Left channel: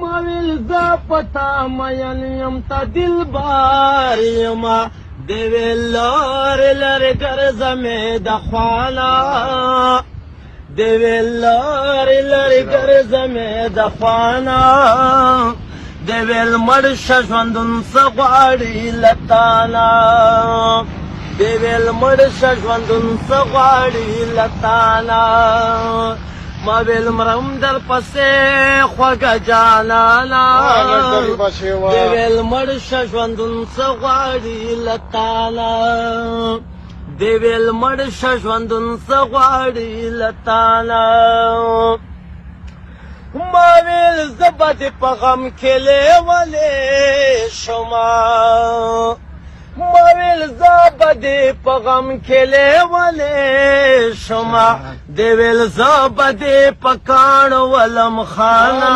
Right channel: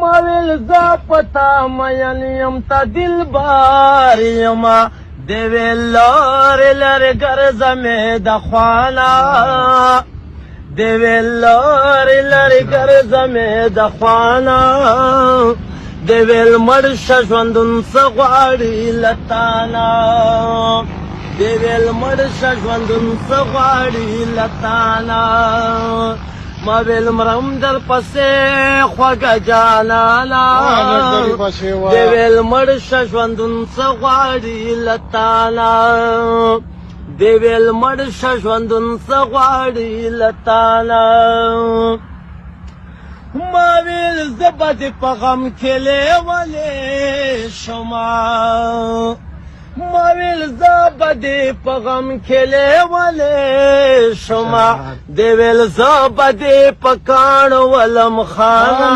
مویل زا پتا مین یم تا دل بار یما دیویل لار لر گرزنے دخوانا دیویل لار لر گرزنے دخوانا دیویل مرش ژوندون سغواړي لتانا دیویل مرش ژوندون سغواړي لتانا ما ویل مرم در پسې خوږه جانانا دیویل مرش ژوندون سغواړي لتانا دیویل مرش ژوندون سغواړي لتانا ما ویل زبا دې په غم کې لیولې شما ما ویل زبا دې په غم کې لیولې شما دې ویل زبا دې په کاڼو ولم خانا